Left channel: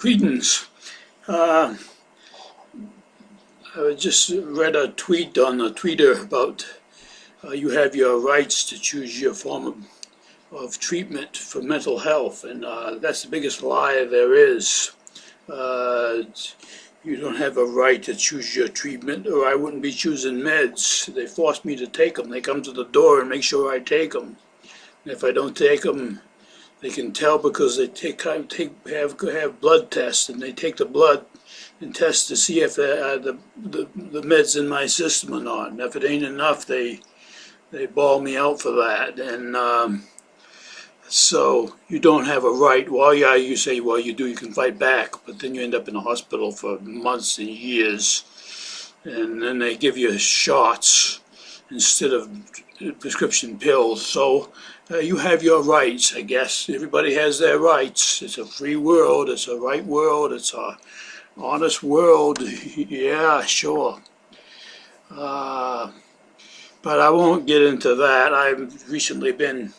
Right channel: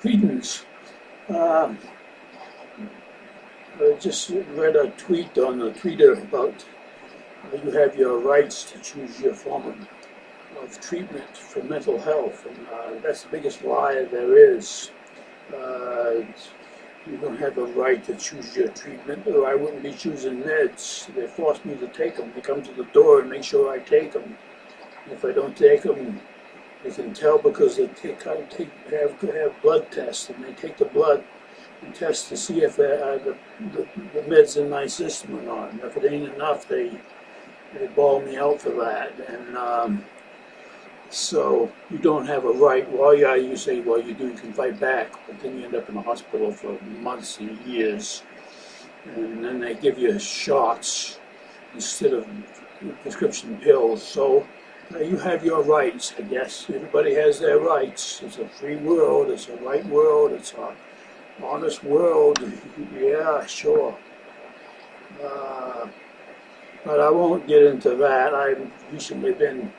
Greetings. Uh, I just read a tweet on the Twitter about you have your rights to choose your form of treatment for mental health, and that's the biggest lie there is. Uh, you don't have a right to choose your treatment, or I wouldn't be choosing meds. They force me to take them. They come to the door and make sure I take them. And if I don't take them, they can tell because they have blood tests, and they take the blood and test to see if the meds in my system or not. And if it ain't enough, they ball me out for that. And so you don't have a right. Well, yeah, you say, well, you do. You can fight back, but then you end up in the hospital for months and years, and then they give you shots instead of prescription pills. So you have your rights, I guess. Everybody has their rights. It's a free world. It's a right world. It's a honest world. Yeah, sure. But I won't get into that. I've recently been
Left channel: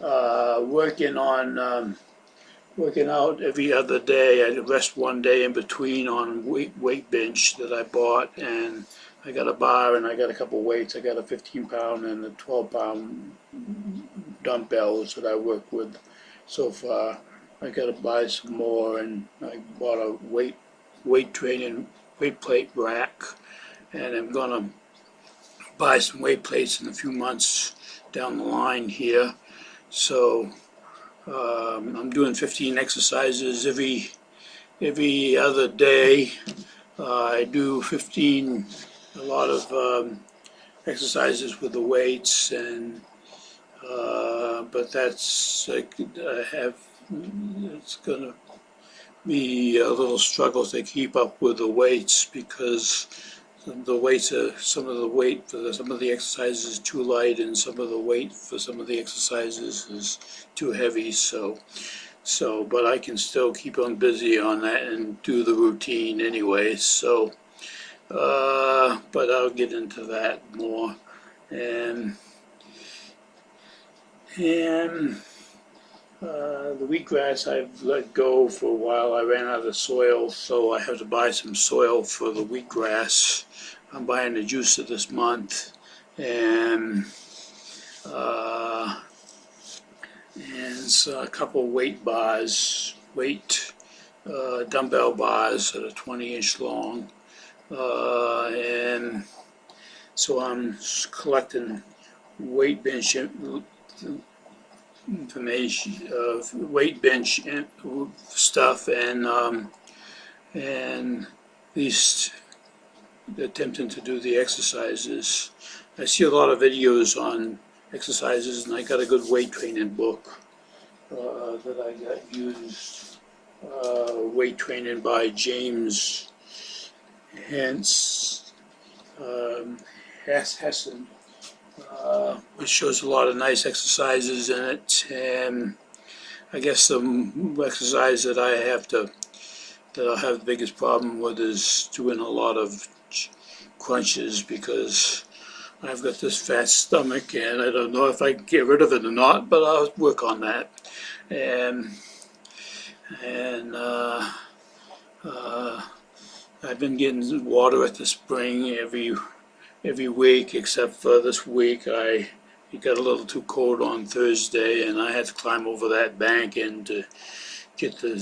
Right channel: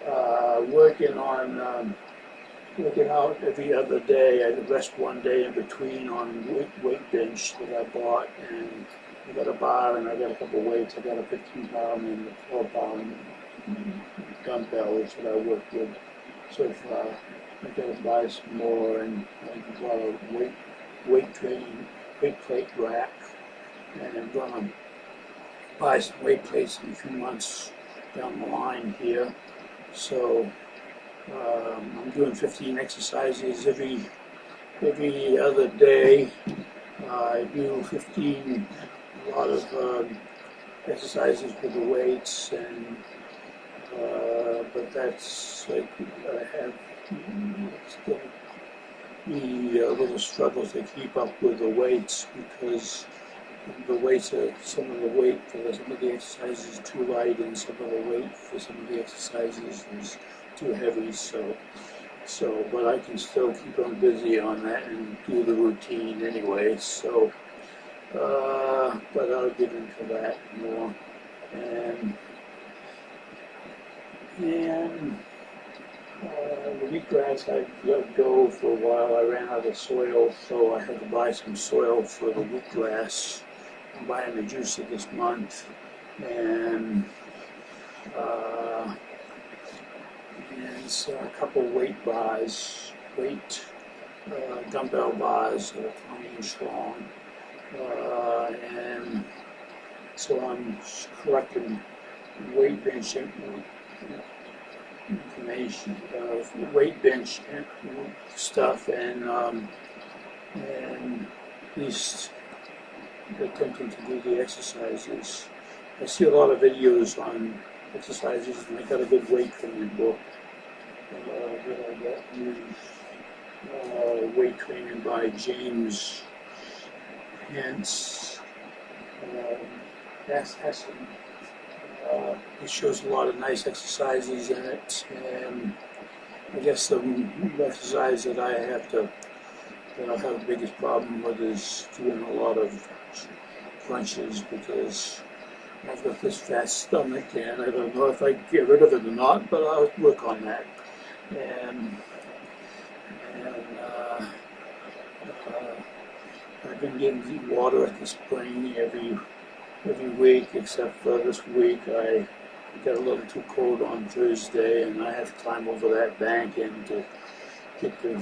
working out every other day. I rest one day in between on weight bench that I bought, and I got a bar and I got a couple weights. I got a 15-pound and a 12-pound dumbbells that I work with so far. I got to buy some more, and I bought a weight plate rack, and I'm gonna buy some weight plates in a few months down the line here. So I'm doing 15 exercises every other day. I do a lot of exercises with the weights, and but that's it's gonna be a little struggle to keep up with the weights, because the weights are some of the exercises is too light, and some of the weight for some of the exercises is too heavy. So but I can still keep on busy on that and do the routine anyway. So but I'll get into that more. And the wheatgrass I've let go for a while. I ran out of soil, so I have to buy some soil for the wheatgrass. I'm buying the juicer this month, and so a couple weight bars, dumbbell bars that are 20-inch long, and so I'm collecting weight bench information, weight bench stuff, and at least attempting to do the exercises. I see a lot of videos on exercises, and I got a good weight training book that I got used. Weight Training by James Hessen. Which shows a lot of nice exercises in it, and I guess the exercise that I'll have the biggest problem with is doing a lot of crunches, because I've got this fat stomach, and I don't know if I can get rid of it or not, but I'll work on that. And I've been getting water at the spring every week, except for this week. It got a little too cold on Thursday, and I had to climb over that bank and to get the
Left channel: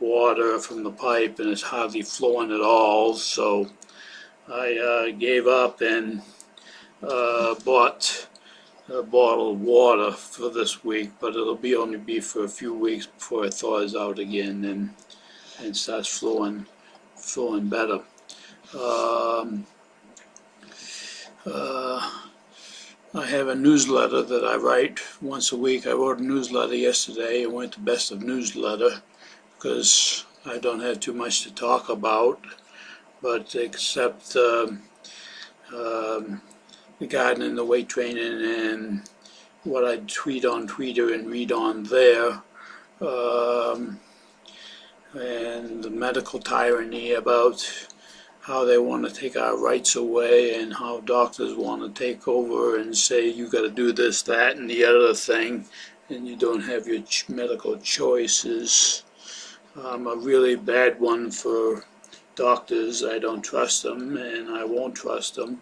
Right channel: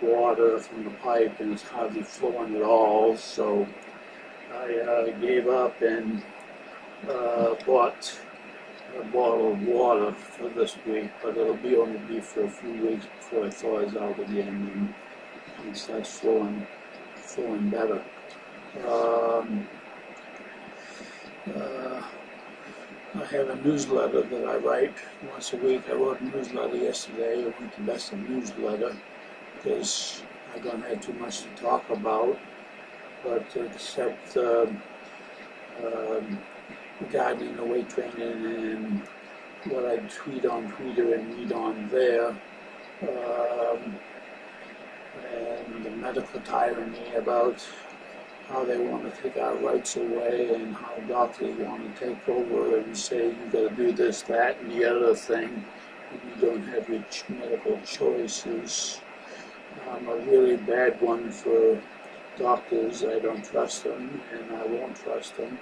water from the pipe, and it's hardly flowing at all. So I gave up and bought a bottle of water for this week, but it'll only be for a few weeks before it thaws out again and starts flowing better. I have a newsletter that I write once a week. I wrote a newsletter yesterday. I went to Best of Newsletter because I don't have too much to talk about, but except regarding the weight training and what I tweet on Twitter and read on there, and the medical tyranny about how they want to take our rights away, and how doctors want to take over and say you got to do this, that, and the other thing, and you don't have your medical choices. I'm a really bad one for doctors. I don't trust them, and I won't trust them.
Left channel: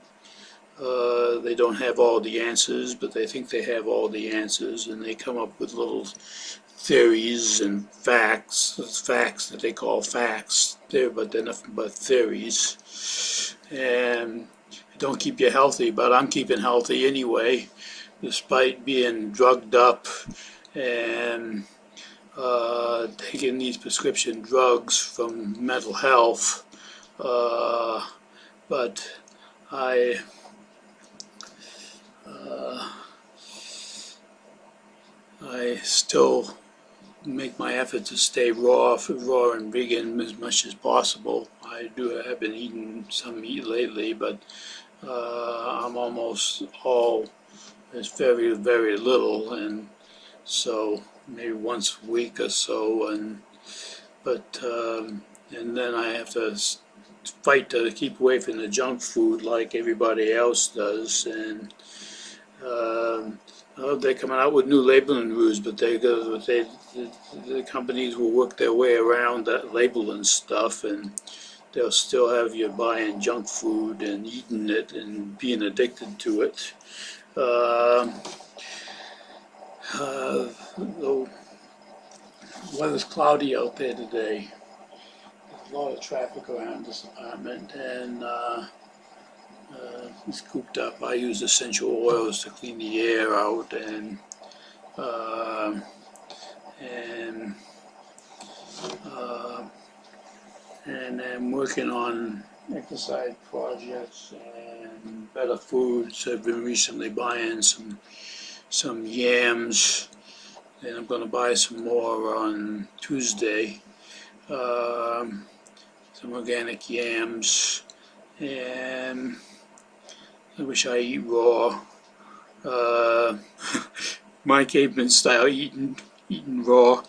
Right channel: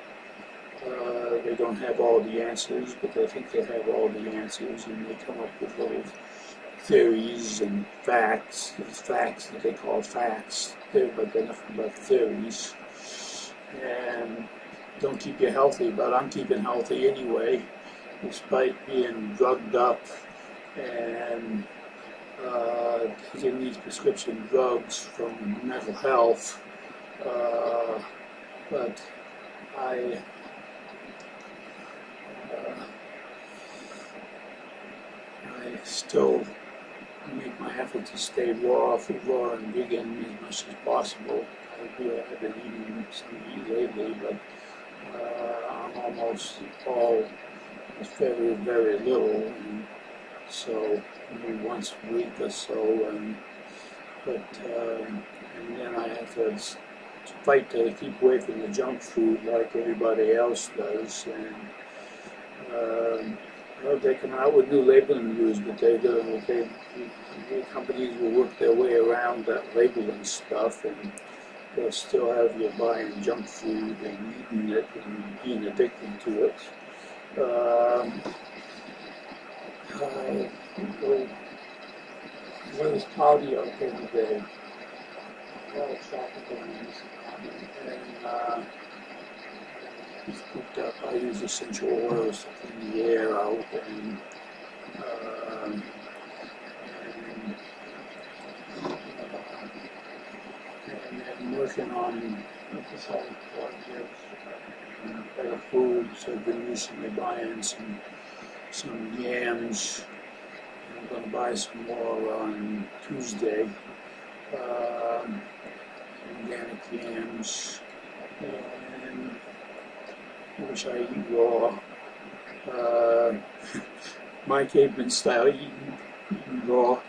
They don't have all the answers, but they think they have all the answers, and they come up with little theories and facts that they call facts, but they're nothing but theories, and don't keep you healthy. But I'm keeping healthy anyway, despite being drugged up and taking these prescription drugs from mental health. But I still make my effort to stay raw and vegan as much as possible. I've been eating some meat lately, but I'm almost all, there's very, very little, and so maybe once a week or so, and then I have to fight to keep away from the junk food like everybody else does, and they're coming out with new labeling rules, but the companies will work their way around that labeling stuff, and they'll still have you buying junk food and eating it and being addicted to it. The weather's cloudy out there today. A lot of traffic around this apartment, and it's cooped up. I use essential oils to clean the air out, and I'm working on side projects and better foods. I've been recently buying some yams, and I'm going to buy some more on Tuesday. Some organic yams, and I wish I eat raw. My caveman style eating raw.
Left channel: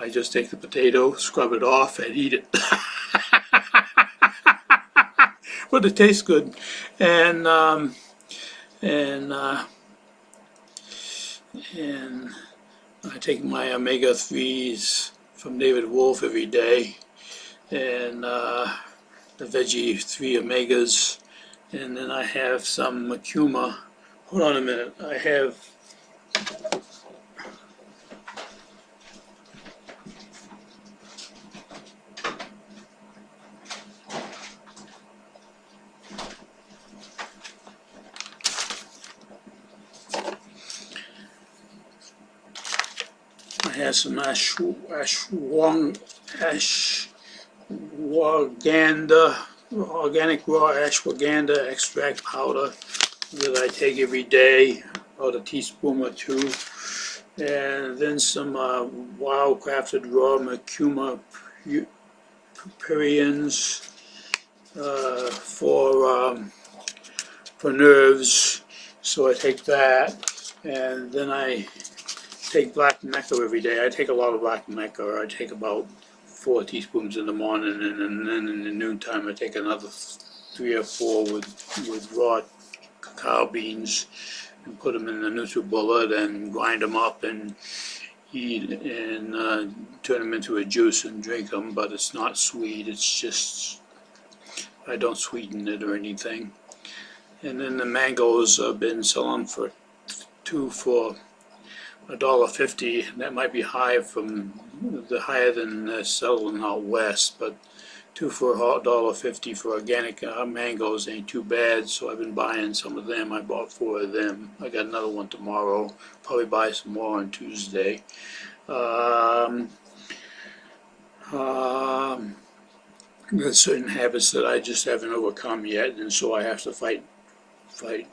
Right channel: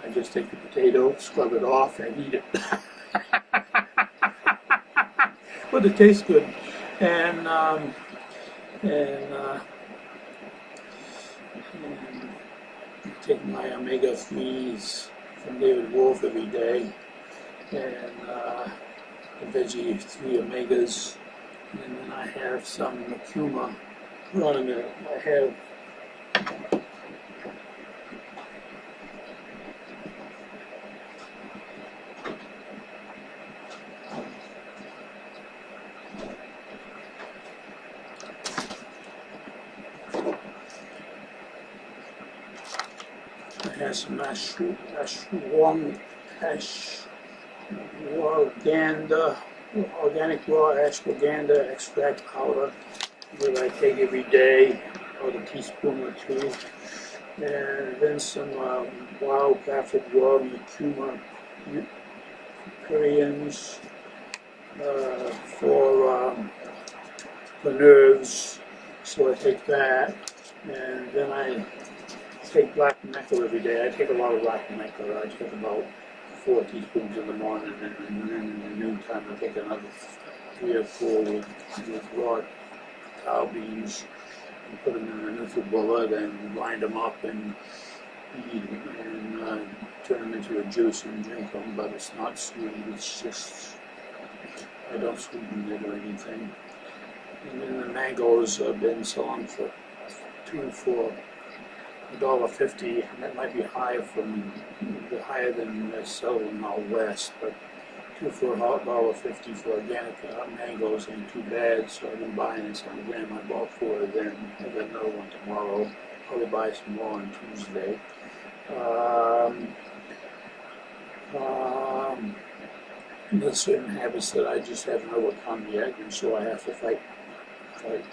I just take the potato, scrub it off, and eat it. But it tastes good, and I take my omega-3s from David Wolf every day, and the veggie 3 omegas, and then I have some macuma. Hold on a minute. I have some ashwagandha, organic raw ashwagandha extract powder that I take every day, about a teaspoon or two, and then some wild crafted raw macuma purines for nerves. So I take that, and then I take black nectar every day. I take a lot of black nectar. I take about 4 teaspoons in the morning, and then in the noontime I take another 3 or 4 with raw cacao beans, and put them in the NutriBullet and grind them up and eat, and turn them into a juice and drink them. But it's not sweet. It's just, I don't sweeten it or anything. And then the mangoes have been selling for 2 for $1.50, and that might be higher than they're selling out west, but 2 for $1.50 for organic mangoes ain't too bad. So I've been buying some of them. I bought 4 of them. I got another one tomorrow. Probably buy some more on Tuesday. There's certain habits that I just haven't overcome yet, and so I have to fight like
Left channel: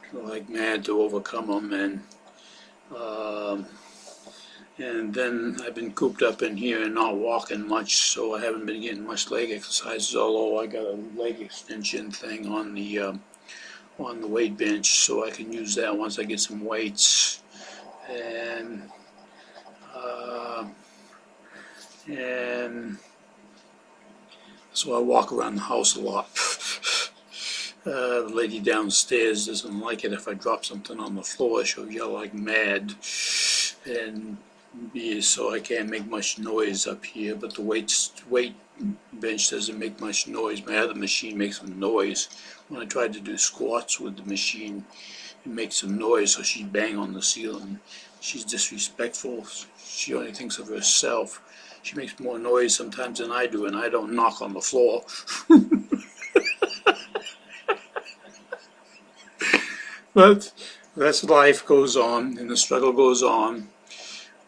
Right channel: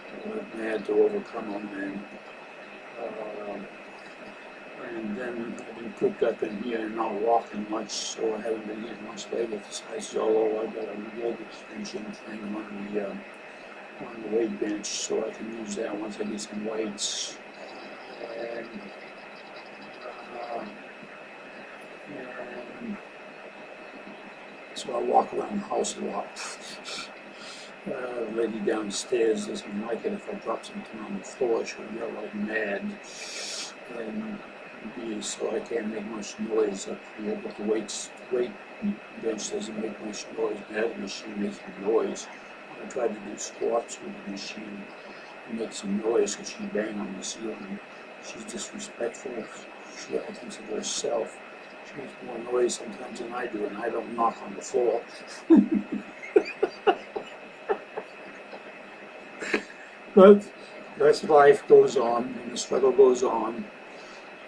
mad to overcome them. And then I've been cooped up in here and not walking much, so I haven't been getting much leg exercises, although I got a leg extension thing on the weight bench, so I can use that once I get some weights. And so I walk around the house a lot. The lady downstairs doesn't like it if I drop something on the floor. She'll yell like mad. And so I can't make much noise up here, but the weight bench doesn't make much noise. My other machine makes some noise. When I tried to do squats with the machine, it makes some noise, so she bang on the ceiling. She's disrespectful. She only thinks of herself. She makes more noise sometimes than I do, and I don't knock on the floor. But that's life goes on, and the struggle goes on.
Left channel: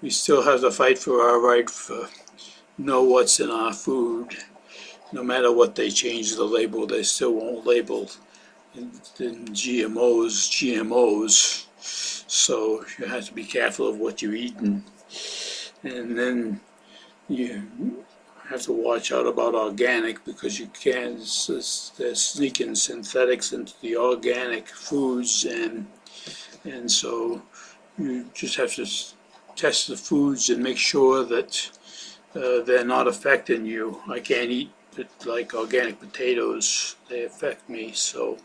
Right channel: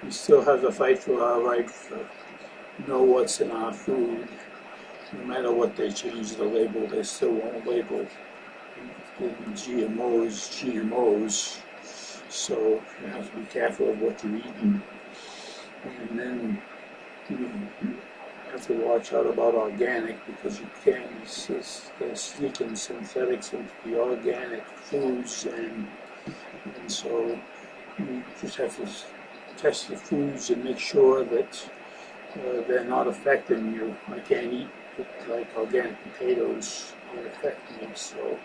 We still have to fight for our right to know what's in our food. No matter what they change the label, they still won't label the GMOs. So you have to be careful of what you're eating. And then you have to watch out about organic, because you can't, they're sneaking synthetics into the organic foods, and so you just have to test the foods and make sure that they're not affecting you. I can't eat like organic potatoes, they affect me, so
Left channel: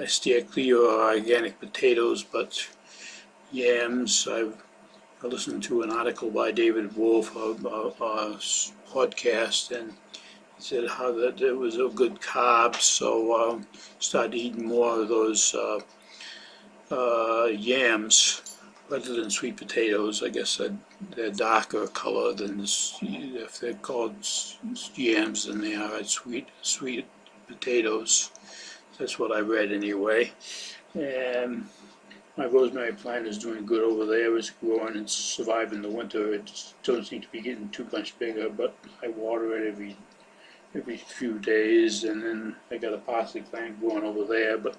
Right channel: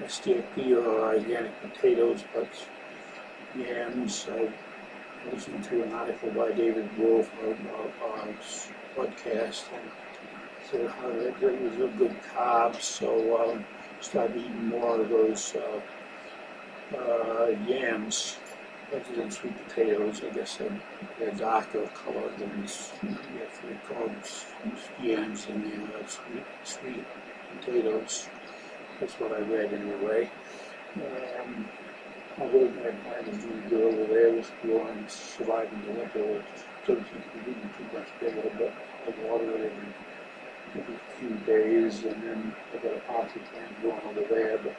I steer clear of organic potatoes. But yams, I listened to an article by David Wolf about a podcast, and said how that it was a good carb, so started eating more of those yams rather than sweet potatoes. I guess they're darker color than if they're called yams than they are sweet potatoes. That's what I read anyway. And my rosemary plant is doing good over there. It's growing and surviving the winter. It doesn't seem to be getting too much bigger, but I water it every few days, and then I got a parsley plant growing over there. But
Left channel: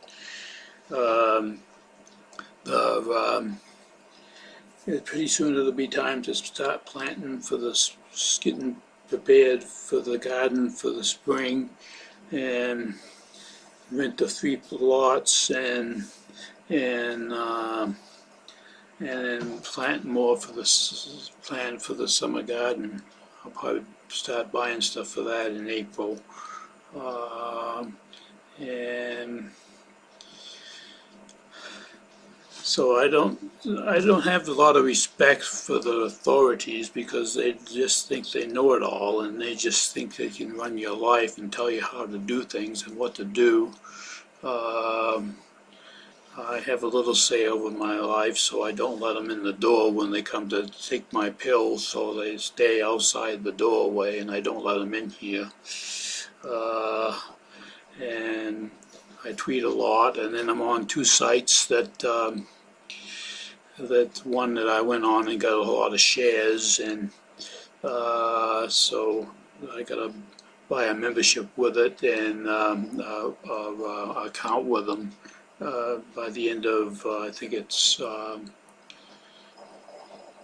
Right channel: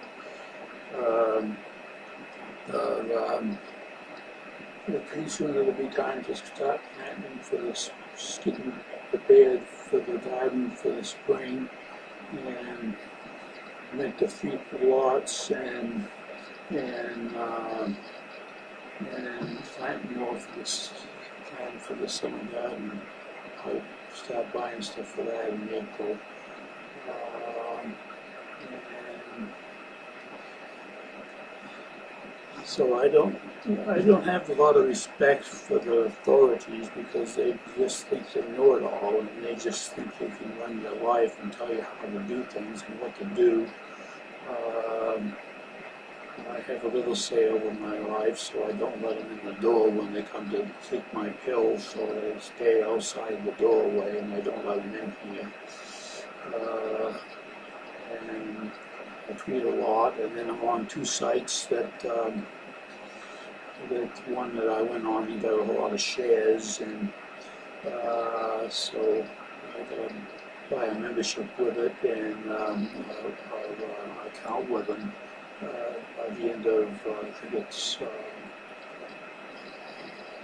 pretty soon it'll be time to start planting for getting prepared for the garden for the spring, and rent the 3 lots, and then plant more for plan for the summer garden. I'll probably start buying stuff for that in April. And so I don't have a lot of respect for the authorities, because they just think they know it all, and they just think they can run your life and tell you how to do things and what to do. I have a little say over my life, so I don't let them in the door when they come to take my pills, so they stay outside the doorway, and I don't let them in here. And I tweet a lot, and then I'm on 2 sites that one that I went on and got a lot of shares, and so I gotta buy a membership with it, and account with them by the end of I think it's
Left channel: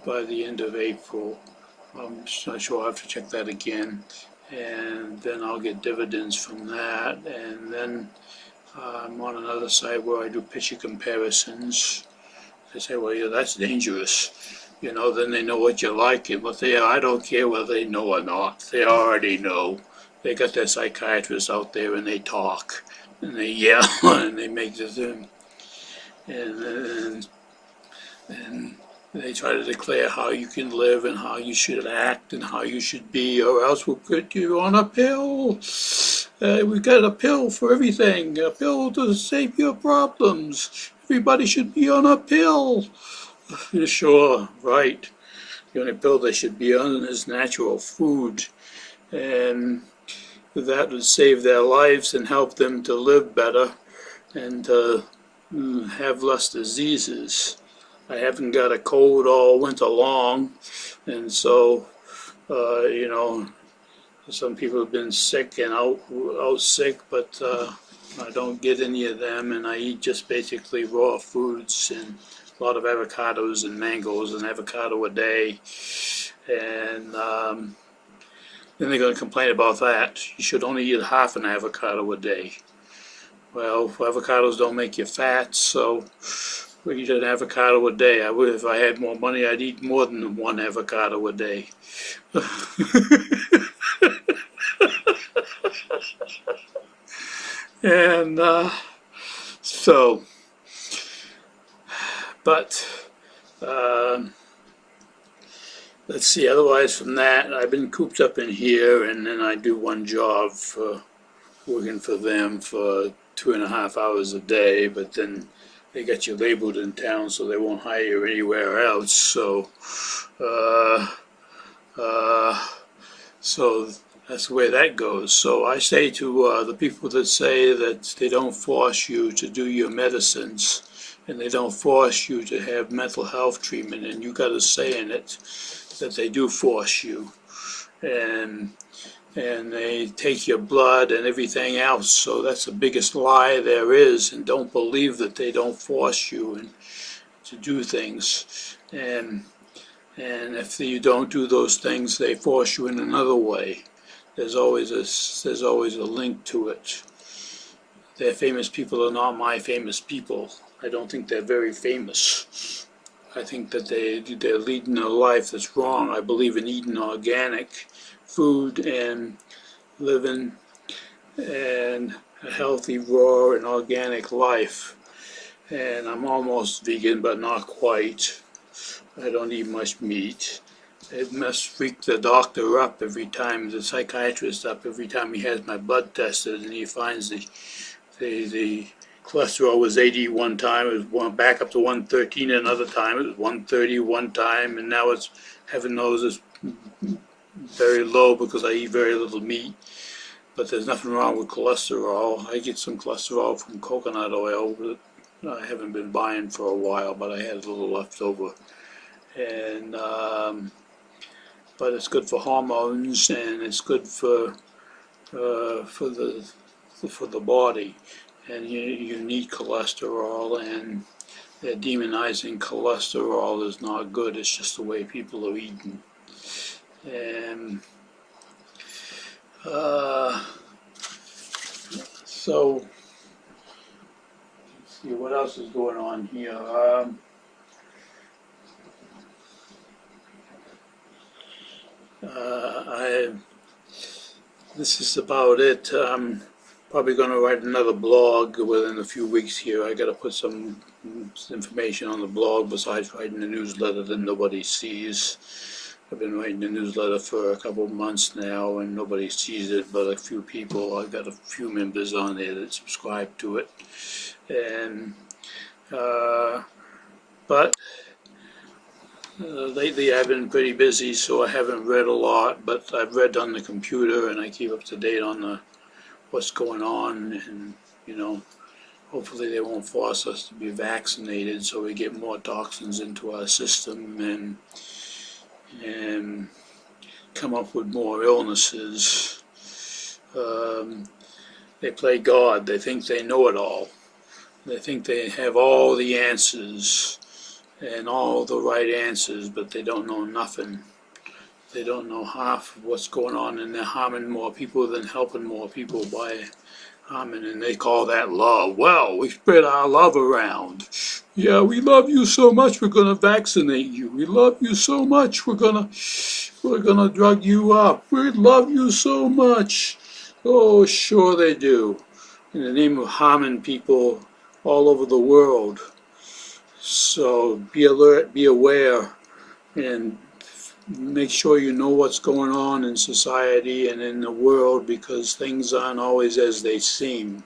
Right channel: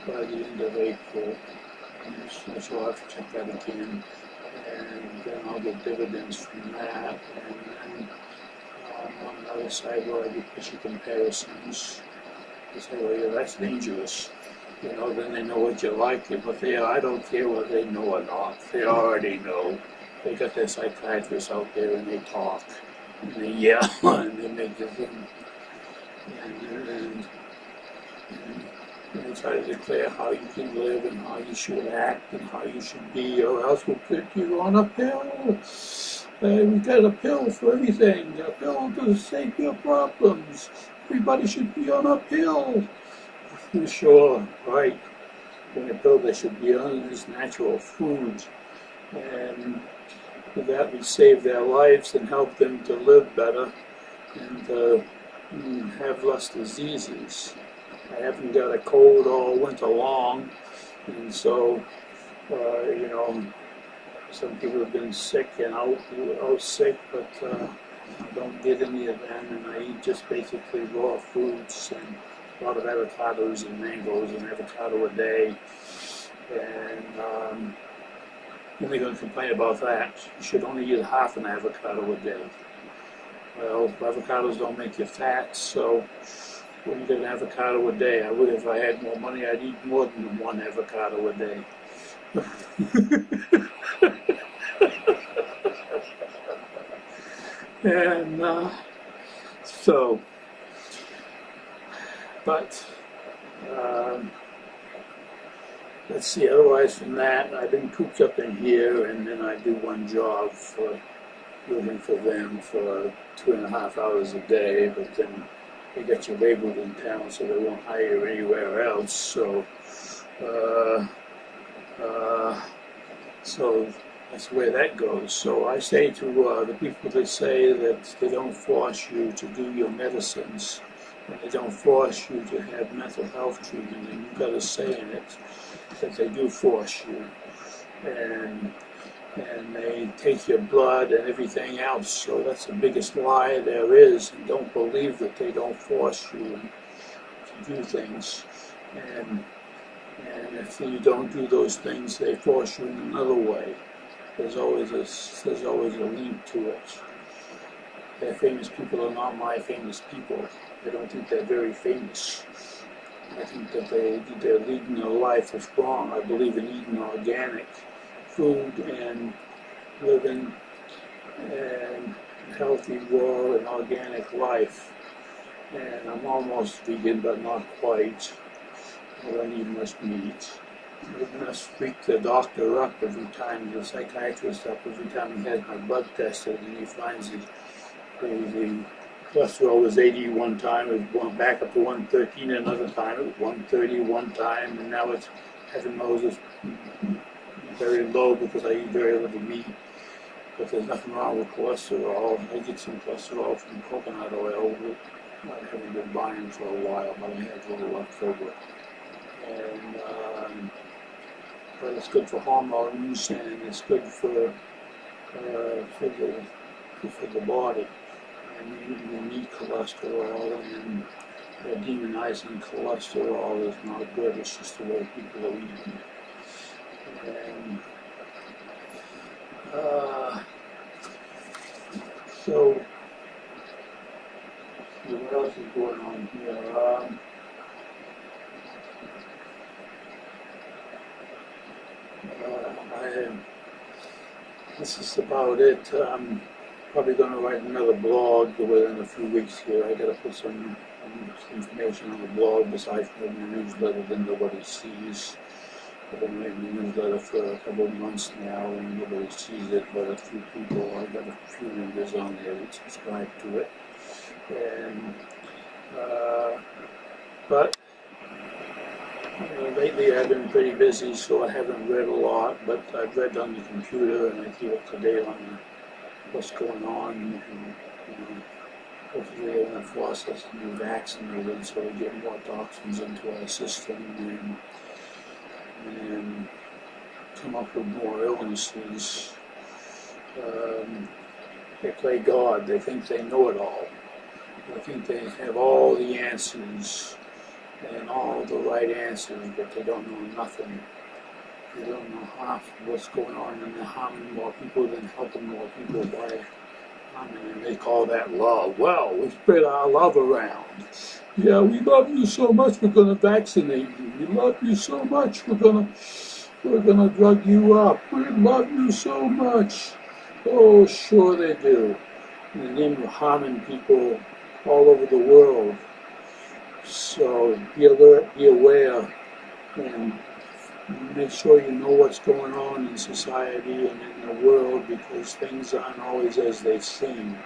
by the end of April. I'm just not sure. I'll have to check that again, and then I'll get dividends from that. And then I'm on another side where I do picture comparisons. They say, well, yeah, that's dangerous. You know, then they know what you like, but I don't care whether they know or not. They already know. They got their psychiatrists out there, and they talk, and they yell, and they make this, and they try to declare how you can live and how you should act and how you should be, or else we'll put you on a pill. We've got a pill for everything, a pill to save your problems. Everybody should be on a pill. Sure, right. The only pill they should be on is natural food, and that would save their lives and help them to live better and to have less diseases. I haven't got a cold all winter long, and so you know, some people have been sick and out sick, but I don't get any of them, and I eat just basically raw foods and a lot of avocados and mangoes, and avocado a day, and then they're going to complain about that. You should only eat half an avocado a day. Well, avocados don't make you fat, so we eat an avocado a day. I would, if I had more money, I'd eat more than 1 avocado a day. And so, but let's see, otherwise from that, I've been cooped up in here, and then I do one job for working for them for 2.5 hours a day, but then they got you labeled in town, so they won't hire you anywhere else. Uh, uh, so that's the way that goes. So I say to the people that say that they don't force you to do your medicines, and they don't force you to have mental health treatment, and you got a say in it, that they do force you. And they take your blood and everything else. So that's the biggest lie there is, and don't believe that they don't force you to do things. And if you don't do those things, they force you in another way. There's always a link to it. Their famous people are not my famous people. I don't think they're very famous. I think that they're leading a life that's wrong. I believe in eating organic food and living and a healthy, raw, and organic life. And I'm almost vegan, but not quite. I don't eat much meat. It must freak the doctor up every time, the psychiatrist up every time he has my blood tested, and he finds the cholesterol was 80 one time, it was back up to 113 another time, it was 130 one time, and now it's, heaven knows, it's very low because I eat very little meat. But there's nothing wrong with cholesterol. I get some cholesterol from coconut oil that I haven't been buying for a while, but I had a little left over. And but it's good for hormones, and it's good for the body. And you need cholesterol, and demonizing cholesterol is not good. It's just the way people are eating. And so, let's see what else is going on here. This is about it. I'm probably going to write another blog within a few weeks here. I got to put some information on the blog besides writing the newsletter that nobody sees. I've been writing the newsletter for a couple of months now, and nobody sees it but a few people. I've got a few members on there that subscribe to it. And but lately I've been pretty busy, so I haven't read a lot, but I've read on the computer, and I keep up to date on what's going on, and hopefully they won't force us to be vaccinated so we get more toxins into our system and come up with more illnesses. They play God. They think they know it all. They think they have all the answers and all the right answers, but they don't know nothing. They don't know half of what's going on, and they're harming more people than helping more people by harming, and they call that love. Well, we spread our love around. Yeah, we love you so much, we're gonna vaccinate you. We love you so much, we're gonna drug you up. We love you so much. Oh, sure they do. In the name of harming people all over the world. So be alert, be aware, and make sure you know what's going on in society and in the world, because things aren't always as they seem.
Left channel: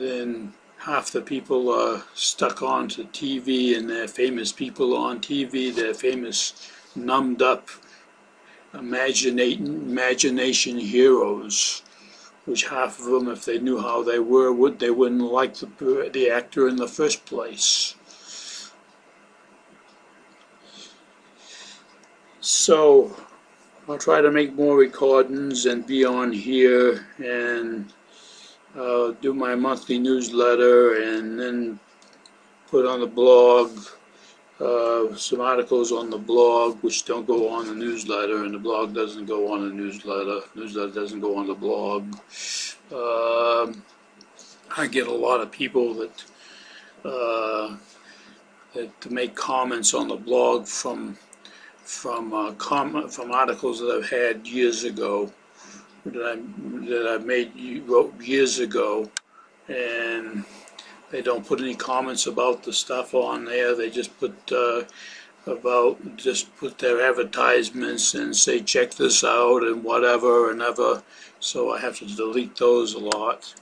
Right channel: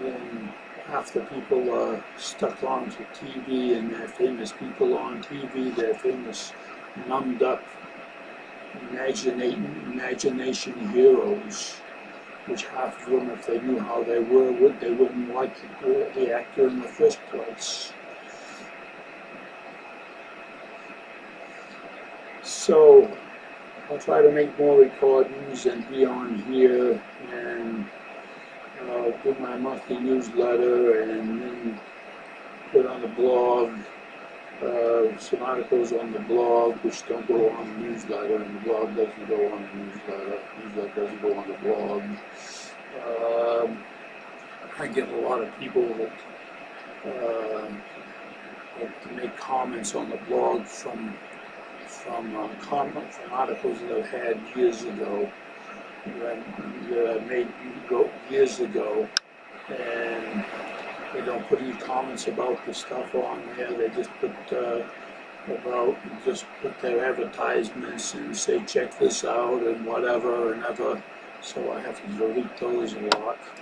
Then half the people are stuck onto TV, and they're famous people on TV, they're famous numbed up imagination heroes, which half of them, if they knew how they were, they wouldn't like the actor in the first place. So I'll try to make more recordings and be on here and do my monthly newsletter, and then put on the blog some articles on the blog which don't go on the newsletter, and the blog doesn't go on the newsletter. Newsletter doesn't go on the blog. I get a lot of people that make comments on the blog from articles that I've had years ago, that I wrote years ago, and they don't put any comments about the stuff on there. They just put about just put their advertisements and say check this out and whatever and ever, so I have to delete those a lot.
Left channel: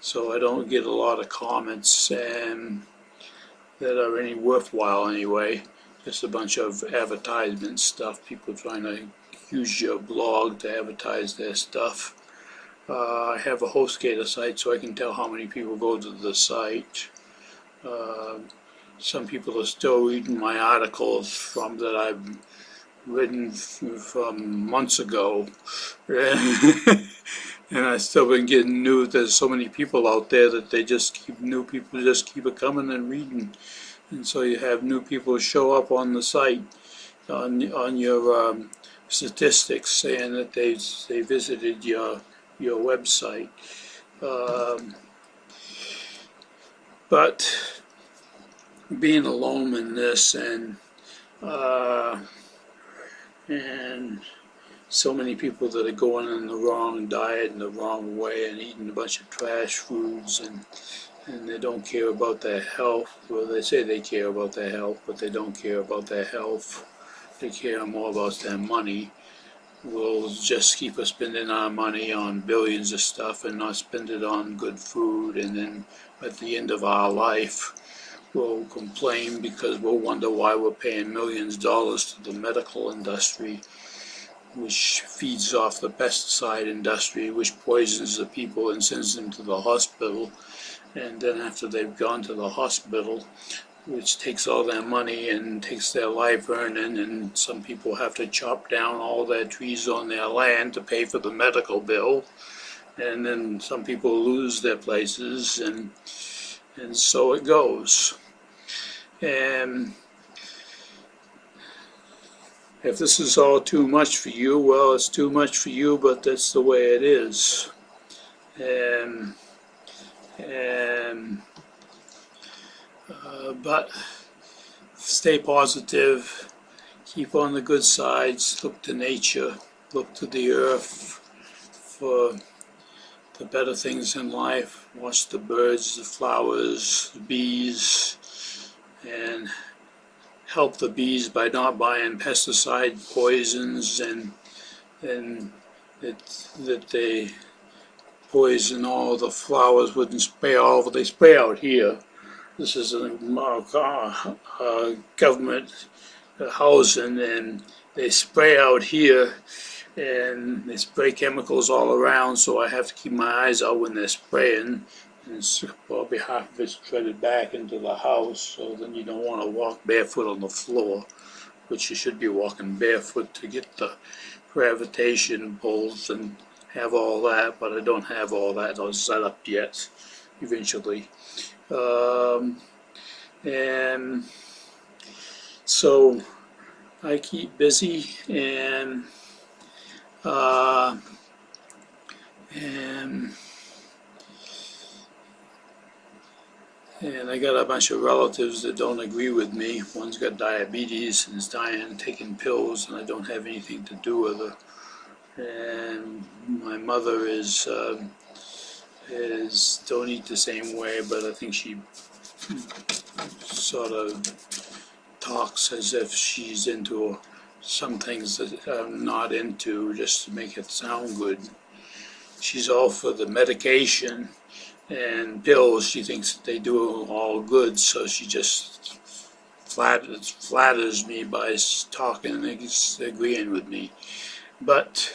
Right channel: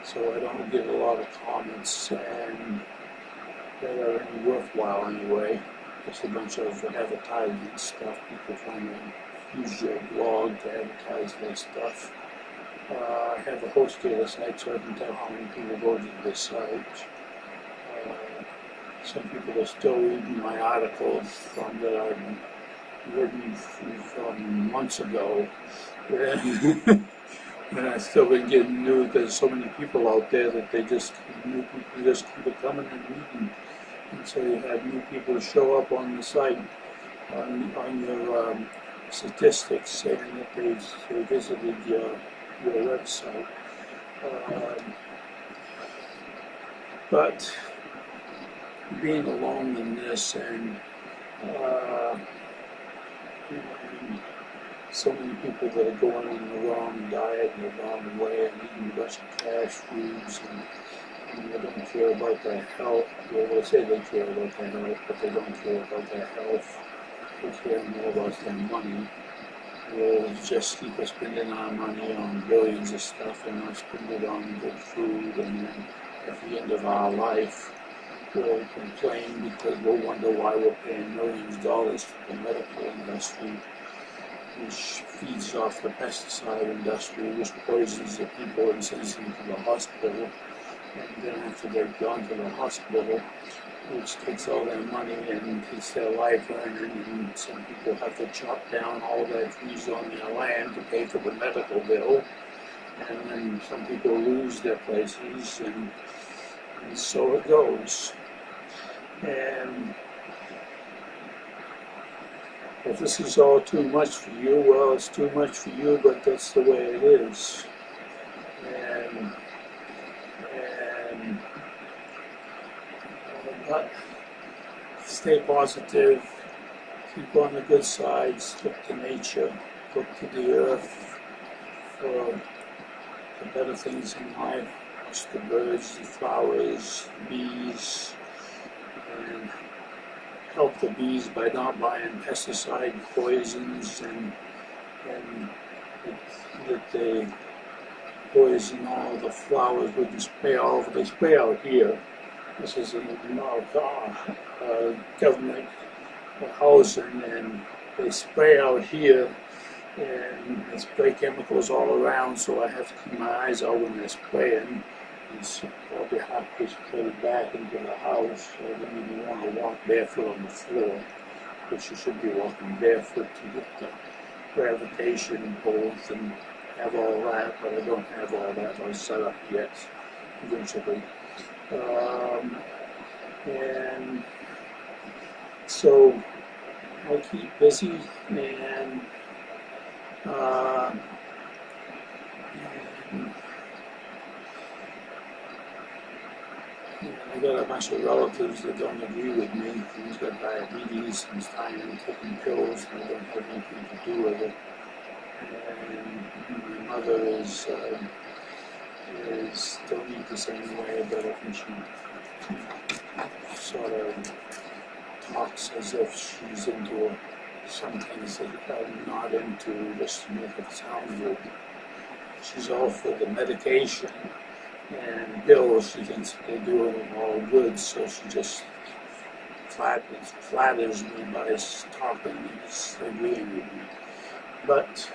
So I don't get a lot of comments and that are any worthwhile anyway. Just a bunch of advertisement stuff, people trying to use your blog to advertise their stuff. I have a HostGator site so I can tell how many people go to the site. Some people are still reading my articles from that I've written from months ago. And I've still been getting news. There's so many people out there that new people just keep it coming and reading. And so you have new people show up on the site, on your statistics, saying that they visited your website. But being alone in this and so many people that are going in the wrong diet and the wrong way and eating a bunch of trash foods and they don't care about their health. Well, they say they care about their health, but they don't care about their health. They care more about their money. We'll just keep spending our money on billions of stuff and not spend it on good food, and then at the end of our life we'll complain because we'll wonder why we're paying millions of dollars to the medical industry, which feeds off the pesticide industry, which poisons the people and sends them to the hospital. And then after they've gone to the hospital, which takes all their money and takes their life earning, and some people have to chop down all their trees on their land to pay for the medical bill, and then some people lose their places, and so it goes. And if this is all too much for you, well, it's too much for you, but that's the way it is. But stay positive, keep on the good sides, look to nature, look to the earth for the better things in life. Watch the birds, the flowers, the bees, and help the bees by not buying pesticide poisons and that they poison all the flowers wouldn't spray all over. They spray out here. This is a government housing, and they spray out here, and they spray chemicals all around, so I have to keep my eyes out when they're spraying. It's probably half of it's threaded back into the house, so then you don't want to walk barefoot on the floor, which you should be walking barefoot to get the gravitation pulls and have all that, but I don't have all that all set up yet, eventually. And so I keep busy and I got a bunch of relatives that don't agree with me. One's got diabetes and is dying, taking pills, and I don't have anything to do with her. And my mother is don't eat the same way, but I think she sort of talks as if she's into some things that I'm not into, just to make it sound good. She's all for the medication and pills. She thinks that they do all good, so she just flatters me by talking and agreeing with me. But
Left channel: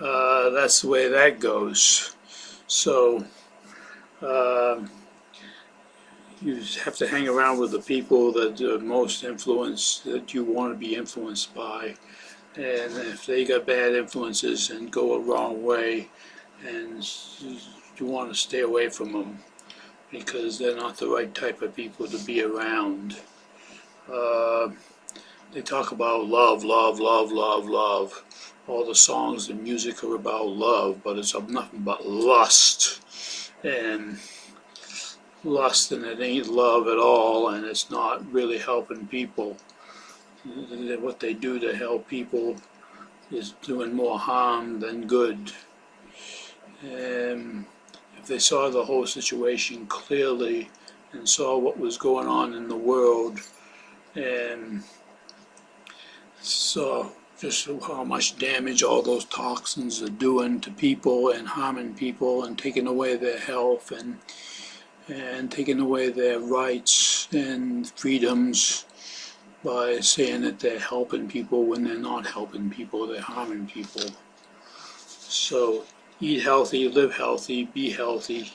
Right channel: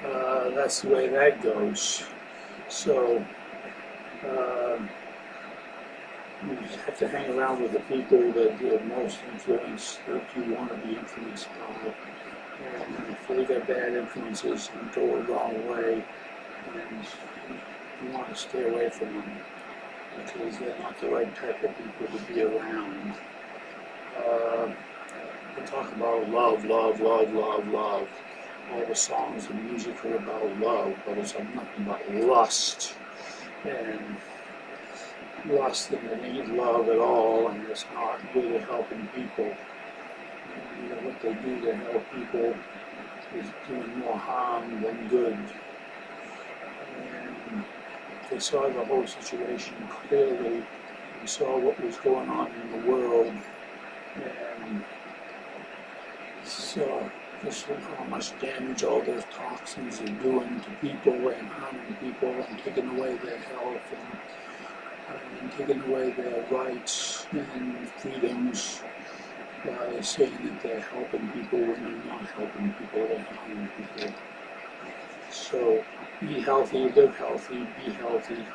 that's the way that goes. So you have to hang around with the people that are most influenced, that you want to be influenced by. And if they got bad influences and go a wrong way, and you want to stay away from them because they're not the right type of people to be around. They talk about love, love, love, love, love. All the songs and music are about love, but it's nothing but lust. And it ain't love at all, and it's not really helping people. What they do to help people is doing more harm than good. And if they saw the whole situation clearly and saw what was going on in the world, and so just how much damage all those toxins are doing to people and harming people and taking away their health and taking away their rights and freedoms by saying that they're helping people when they're not helping people, they're harming people. So eat healthy, live healthy, be healthy,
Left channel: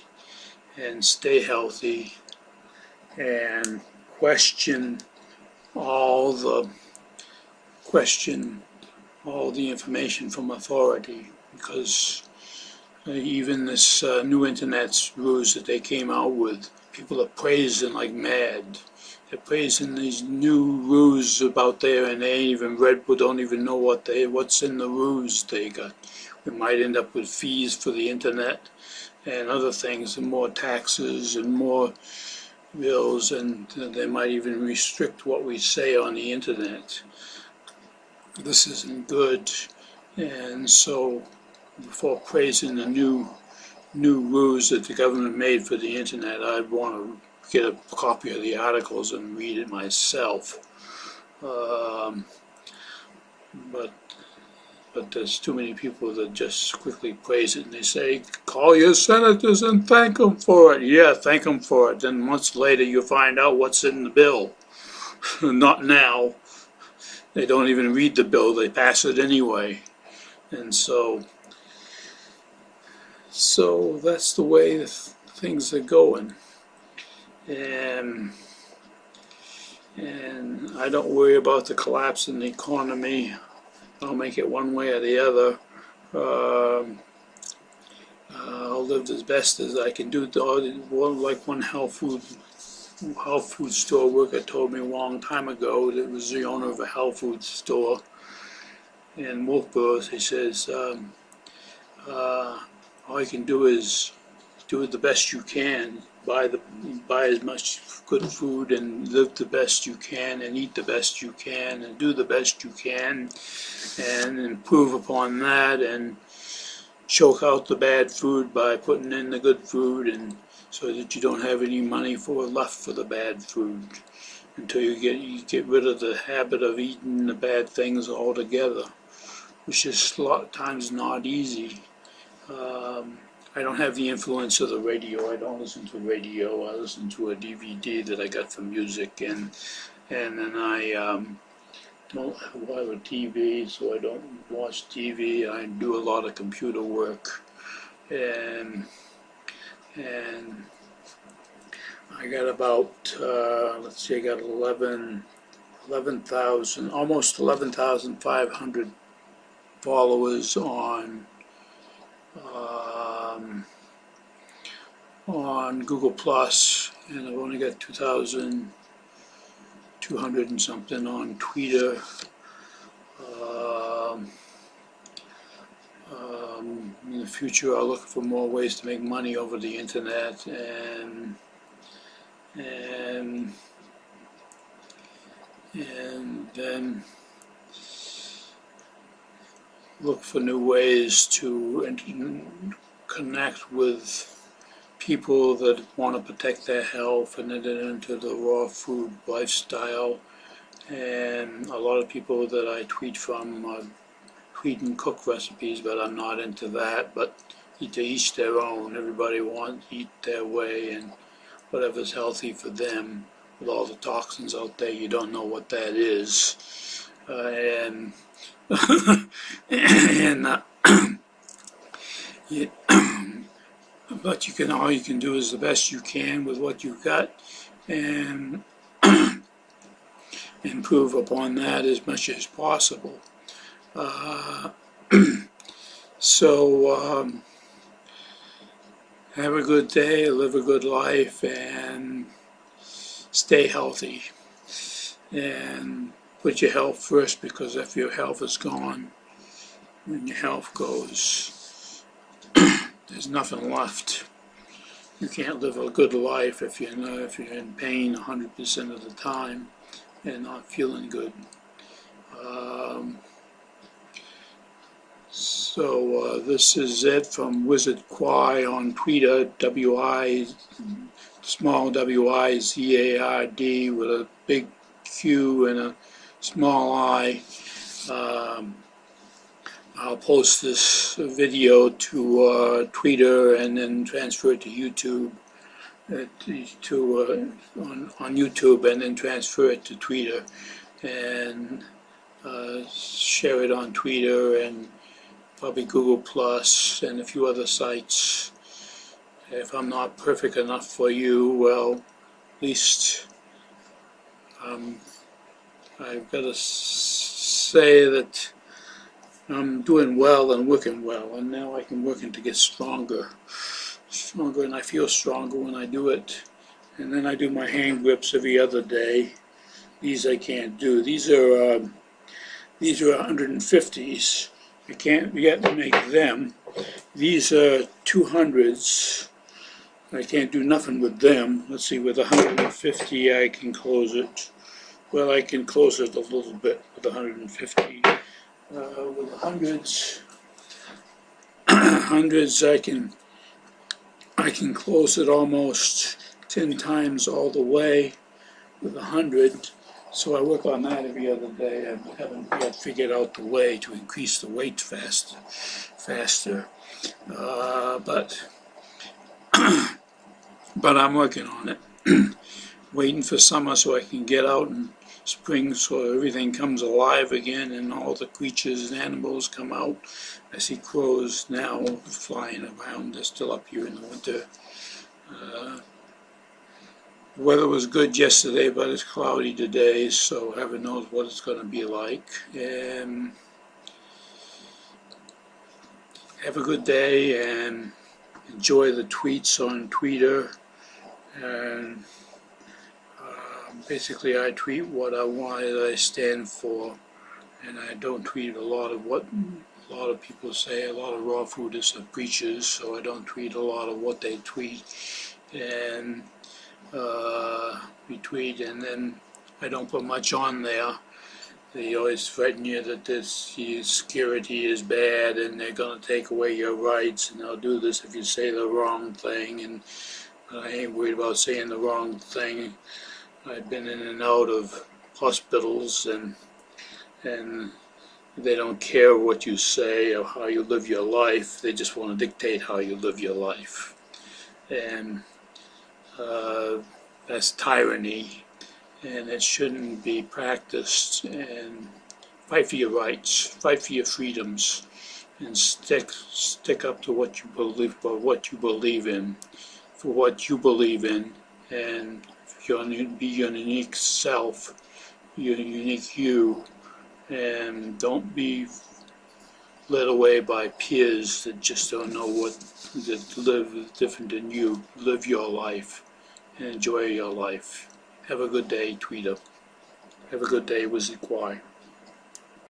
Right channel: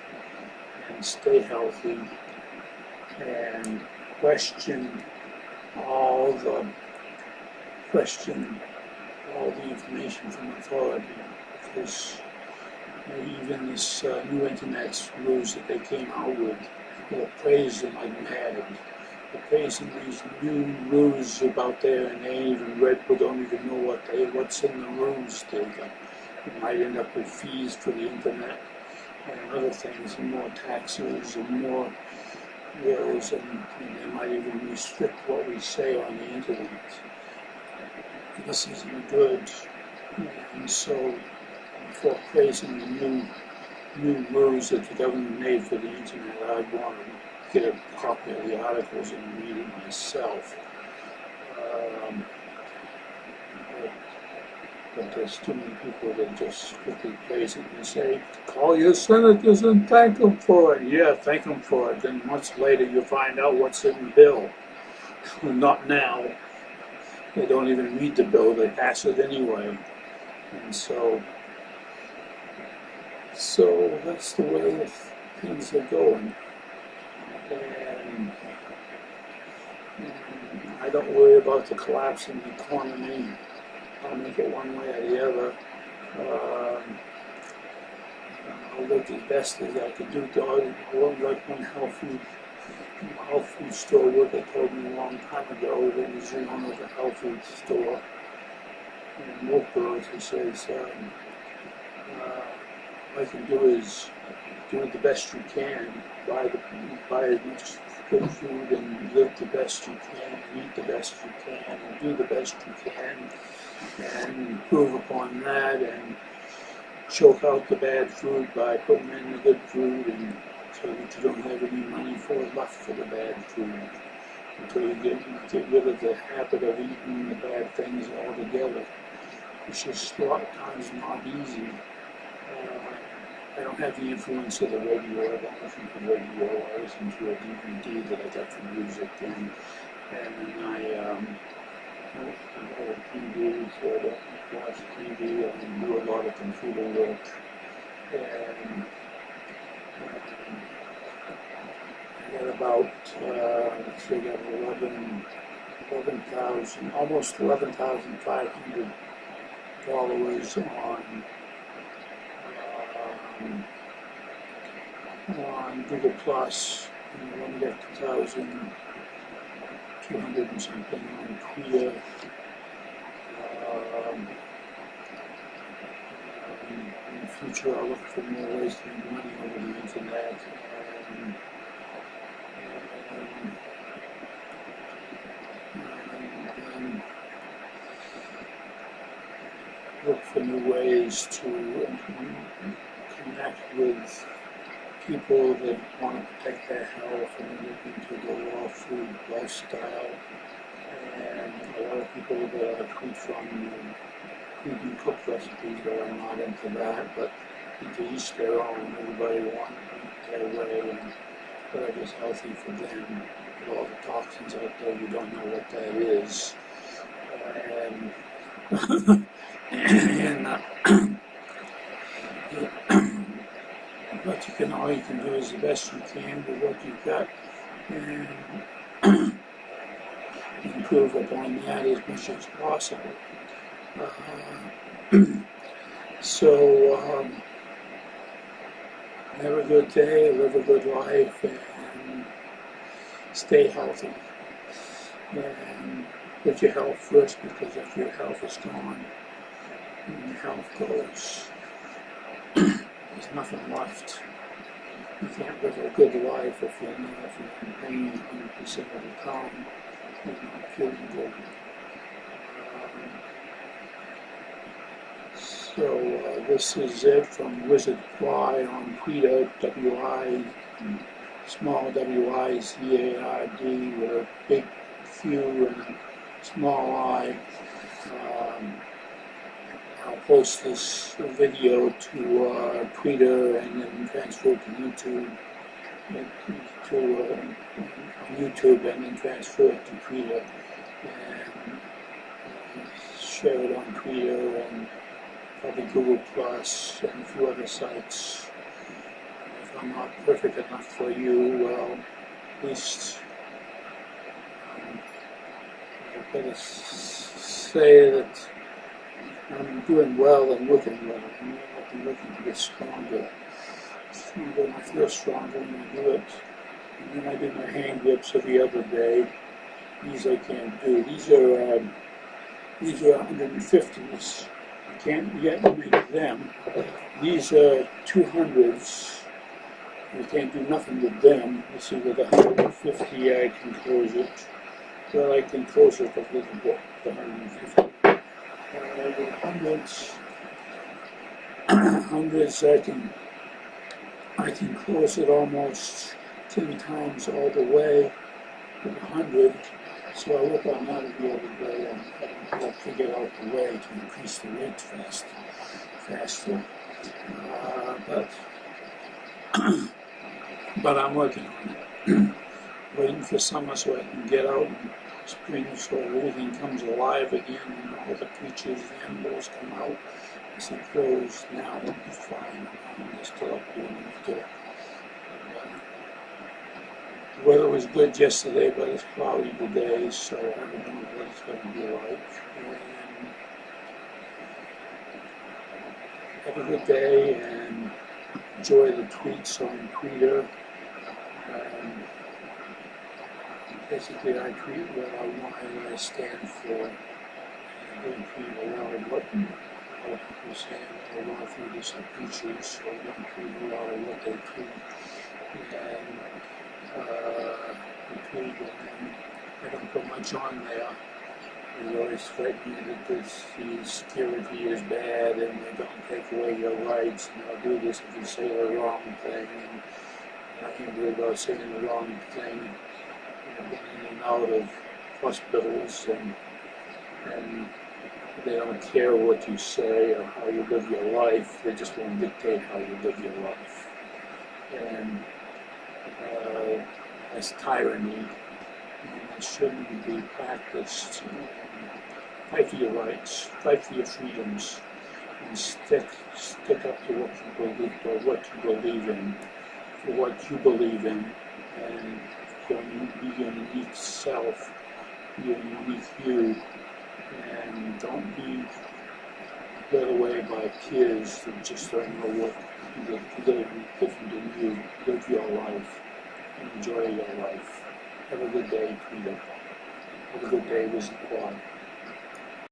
and stay healthy, and question all the information from authority, because even this new internet's rules that they came out with, people are praising like mad. They're praising these new rules about there, and they ain't even read, but don't even know what's in the rules they got. We might end up with fees for the internet and other things, and more taxes and more bills, and they might even restrict what we say on the internet. This isn't good, and so before praising the new rules that the government made for the internet, I'd want to get a copy of the articles and read it myself. But there's too many people that just quickly praise it, and they say, call your senators and thank them for it. Yeah, thank them for it. Then months later you find out what's in the bill. Not now. They don't even read the bill, they pass it anyway. And so that's the way things are going. And I don't worry about the collapse in the economy. I'll make it one way or the other. I'll live as best as I can do. Like one health food store worker told me a long time ago, that was the owner of a health food store in Wolfboro. He says, all you can do is do it the best you can, buy as much good food and live the best you can and eat the best you can and do the best you can and improve upon that and choke out the bad food by putting in the good food, and so that you don't have any money left for the bad food until you get rid of the habit of eating the bad things altogether, which is a lot of times not easy. I don't have the influence of the radio. I don't listen to radio. I listen to a DVD that I got from music, and then I don't have a TV, so I don't watch TV. I do a lot of computer work, and I got about let's see, I got 11,000, almost 11,500 followers on Google Plus, and I've only got 2,200 and something on Twitter. In the future, I'll look for more ways to make money over the internet, and then look for new ways to connect with people that want to protect their health and that are into the raw food lifestyle. And a lot of people that I tweet from tweet and cook recipes, but I'm not into that. But to each their own. Everybody wants to eat their way and whatever's healthy for them. With all the toxins out there, you don't know what that is. But all you can do is the best you can with what you've got, and improve upon that as much as possible. So have a good day, live a good life, and stay healthy. And put your health first, because if your health is gone, when your health goes, there's nothing left. You can't live a good life if you're in pain 100% of the time and not feeling good. So this is it from wizardQi on Twitter, small WIZARD with a big Q and a small I. I'll post this video to Twitter and then transfer it to YouTube, on YouTube, and then transfer it to Twitter and share it on Twitter and probably Google Plus and a few other sites. If I'm not perfect enough for you, well, at least I've got to say that I'm doing well and working well, and now I can working to get stronger, and I feel stronger when I do it. And then I do my hand grips every other day. These I can't do. These are 150s. I can't yet make them. These are 200s. I can't do nothing with them. Let's see, with 150 I can close it. Well, I can close it a little bit with 150. With hundreds I can close it almost 10 times all the way with 100. So I work on that every other day. I haven't yet figured out the way to increase the weight faster. But I'm working on it. Waiting for summer so I can get out, and spring so everything comes alive again and all the creatures and animals come out. I see crows now flying around. They're still up here in the winter. The weather was good yesterday, but it's cloudy today, so heaven knows what it's going to be like. And have a good day and enjoy the tweets on Twitter. And basically I tweet what I want, I stand for, and I don't tweet a lot of what a lot of people say. A lot of raw foodists are preachers, so I don't tweet a lot of what they tweet. And we tweet, and then I don't put much on there. They always threaten you that the security is bad and they're going to take away your rights, and they'll do this if you say the wrong thing. And I ain't worried about saying the wrong thing. I've been in and out of hospitals, and they don't care what you say or how you live your life. They just want to dictate how you live your life. And that's tyranny, and it shouldn't be practiced. And fight for your rights, fight for your freedoms, and stick up to what you believe, for what you believe in, and be your unique self, your unique you, and don't be led away by peers that just don't know that live different than you. Live your life and enjoy your life. Have a good day, Tweeter. Have a good day, wizardQi.